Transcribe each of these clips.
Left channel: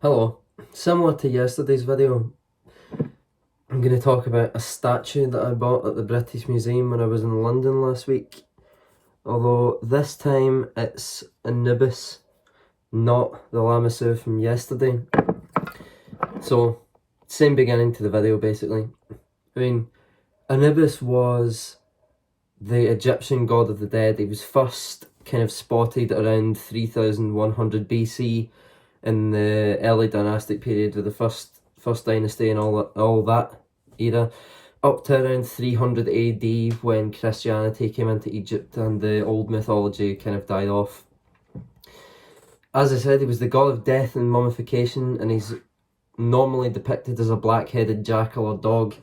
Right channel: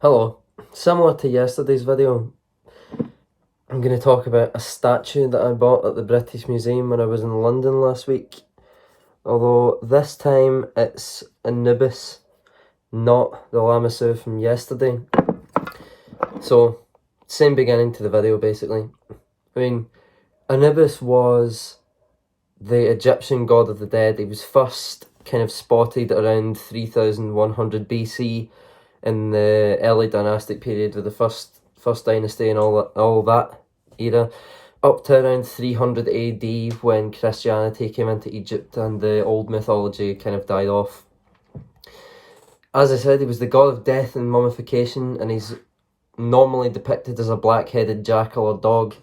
Hello. Similar to yesterday's video, I'm going to talk about a statue that I bought at the British Museum when I was in London last week. Although this time it's Anubis, not the Lamassu from yesterday. So, same beginning to the video basically. Anubis was the Egyptian god of the dead. He was first kind of spotted around 3100 BC in the early dynastic period with the first dynasty and all that era, up to around 300 AD when Christianity came into Egypt and the old mythology kind of died off. As I said, he was the god of death and mummification, and he's normally depicted as a black-headed jackal or dog.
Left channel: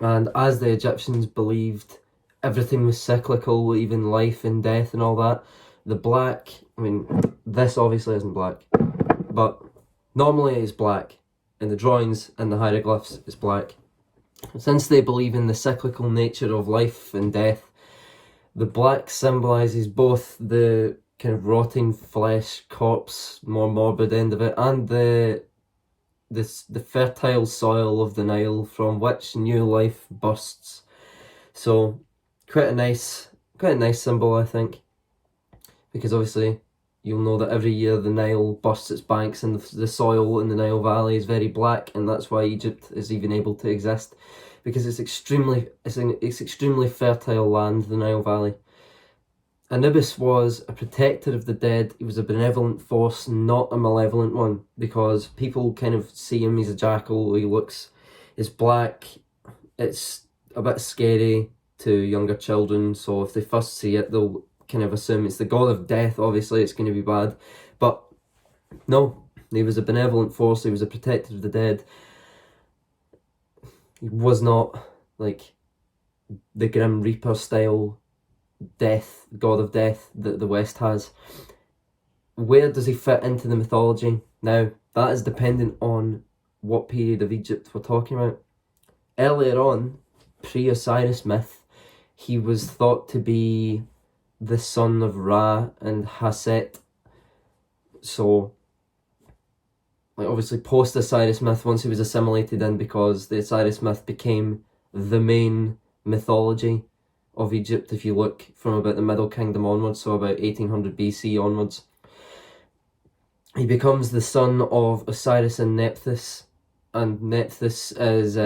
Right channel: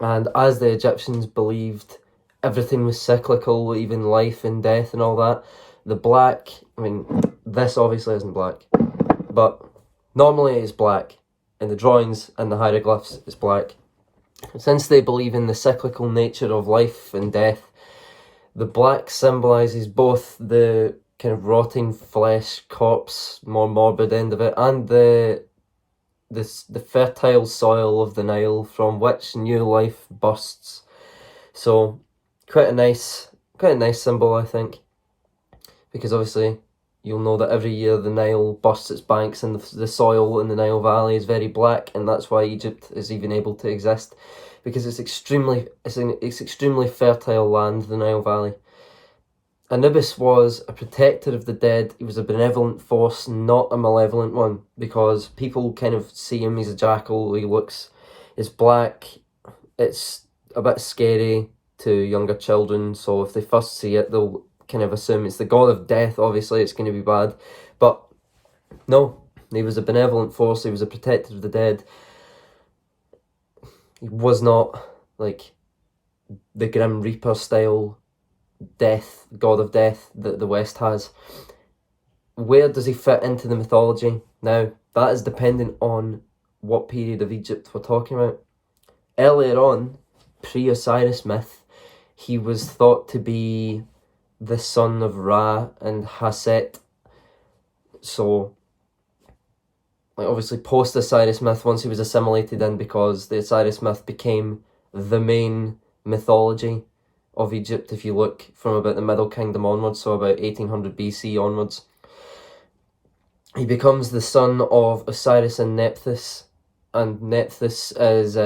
And as the Egyptians believed everything was cyclical, even life and death and all that, the black, this obviously isn't black, but normally it's black. In the drawings and the hieroglyphs, it's black. Since they believe in the cyclical nature of life and death, the black symbolises both the kind of rotting flesh, corpse, more morbid end of it, and the fertile soil of the Nile from which new life bursts. So quite a nice symbol, I think, because obviously you'll know that every year the Nile bursts its banks and the soil in the Nile Valley is very black, and that's why Egypt is even able to exist, because it's extremely fertile land, the Nile Valley. Anubis was a protector of the dead. He was a benevolent force, not a malevolent one, because people kind of see him as a jackal. It's black, it's a bit scary to younger children, so if they first see it, they'll kind of assume it's the god of death. Obviously it's going to be bad, but no, he was a benevolent force. He was a protector of the dead. He was not like the Grim Reaper style god of death that the West has. Where does he fit into the mythology? Now, that is dependent on what period of Egypt we're talking about. Earlier on, pre-Osiris myth, he was thought to be the son of Ra and Haset. So, obviously post-Osiris myth, once he was assimilated in, because the Osiris myth became the main mythology of Egypt, if you look from about the Middle Kingdom onwards, so about 1800 BC onwards. He becomes the son of Osiris and Nephthys, and Nephthys is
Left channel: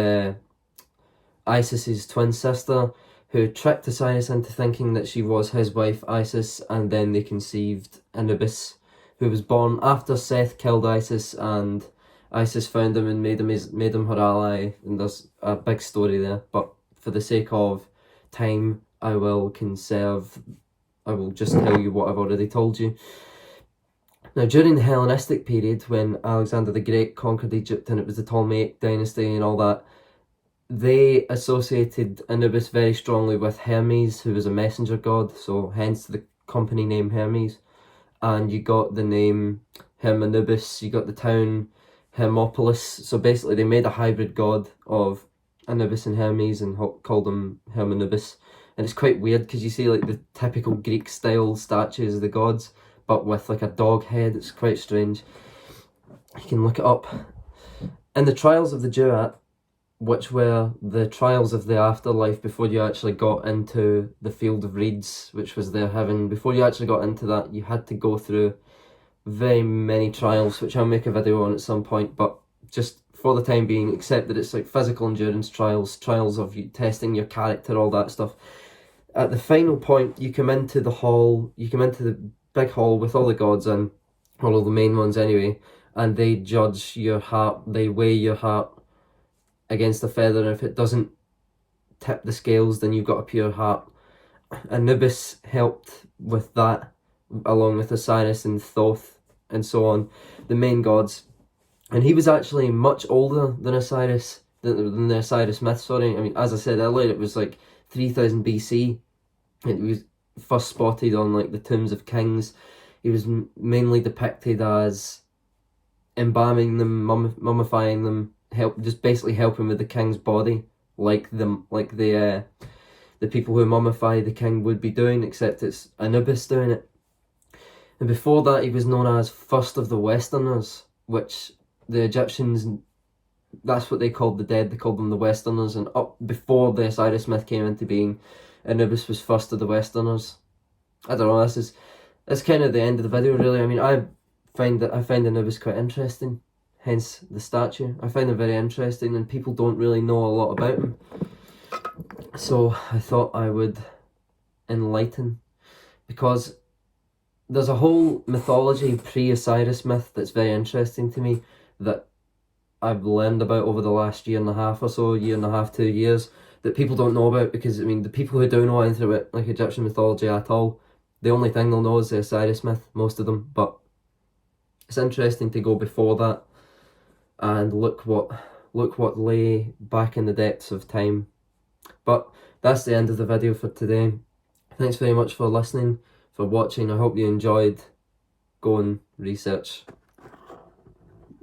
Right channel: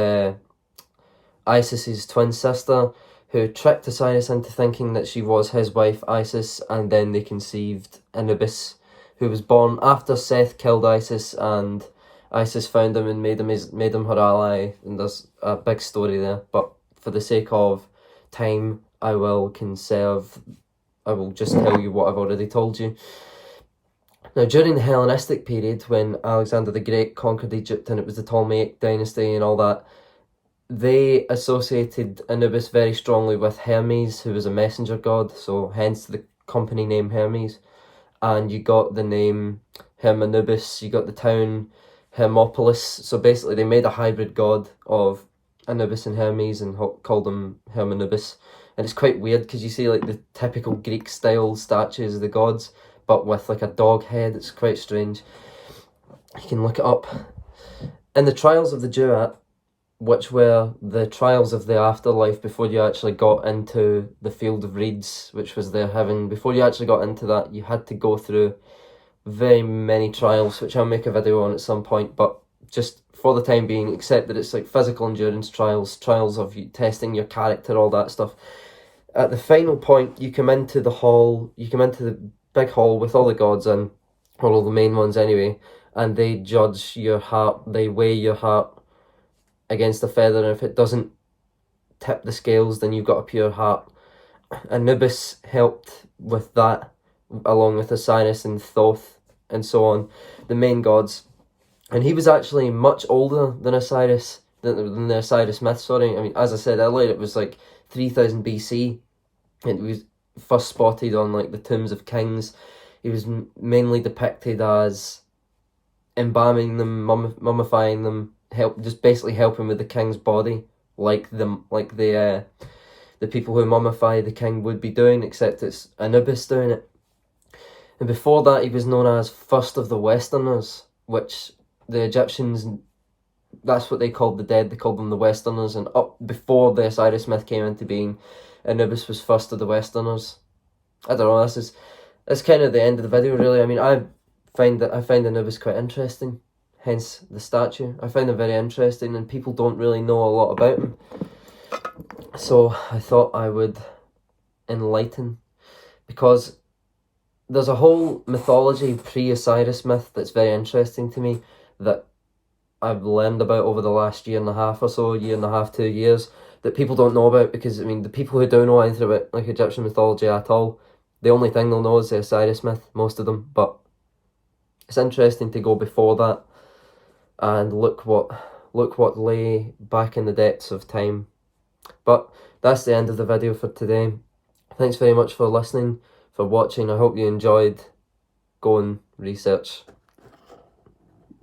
Isis's twin sister, who tricked Osiris into thinking that she was his wife Isis, and then they conceived Anubis, who was born after Seth killed Isis, and Isis found him and made him her ally, and there's a big story there, but for the sake of time, I will just tell you what I've already told you. Now, during the Hellenistic period, when Alexander the Great conquered Egypt and it was the Ptolemaic dynasty and all that, they associated Anubis very strongly with Hermes, who was a messenger god, so hence the company name Hermes. And you got the name Hermanubis, you got the town Hermopolis, so basically they made a hybrid god of Anubis and Hermes and called him Hermanubis. And it's quite weird because you see like the typical Greek style statues of the gods, but with like a dog head. It's quite strange. You can look it up. In the Trials of the Duat, which were the trials of the afterlife before you actually got into the field of reeds, which was their heaven, before you actually got into that, you had to go through very many trials, which I'll make a video on at some point, but just for the time being, accept that it's like physical endurance trials of you testing your character, all that stuff. At the final point, you come into the big hall with all the gods in, or all the main ones anyway, and they judge your heart, they weigh your heart against a feather, and if it doesn't tip the scales, then you've got a pure heart. Anubis helped with that, along with Osiris and Thoth and so on, the main gods. And he was actually much older than Osiris, than the Osiris myth, sorry. As I said earlier, it was like 3000 BC. It was first spotted on like the tombs of kings. He was mainly depicted as embalming them, mummifying them, just basically helping with the king's body, like the people who mummify the king would be doing, except it's Anubis doing it. And before that, he was known as First of the Westerners, which the Egyptians, that's what they called the dead. They called them the Westerners, and up before the Osiris myth came into being, Anubis was first of the Westerners. I don't know. That's kind of the end of the video, really. I mean, I find Anubis quite interesting. Hence the statue. I find him very interesting, and people don't really know a lot about him. So I thought I would enlighten, because there's a whole mythology pre-Osiris myth that's very interesting to me that I've learned about over the last year and a half or so, year and a half, 2 years, that people don't know about, because I mean the people who don't know anything about like Egyptian mythology at all, the only thing they'll know is the Osiris myth, most of them. But it's interesting to go before that and look what lay back in the depths of time. But that's the end of the video for today. Thanks very much for listening, for watching. I hope you enjoyed. Go and research.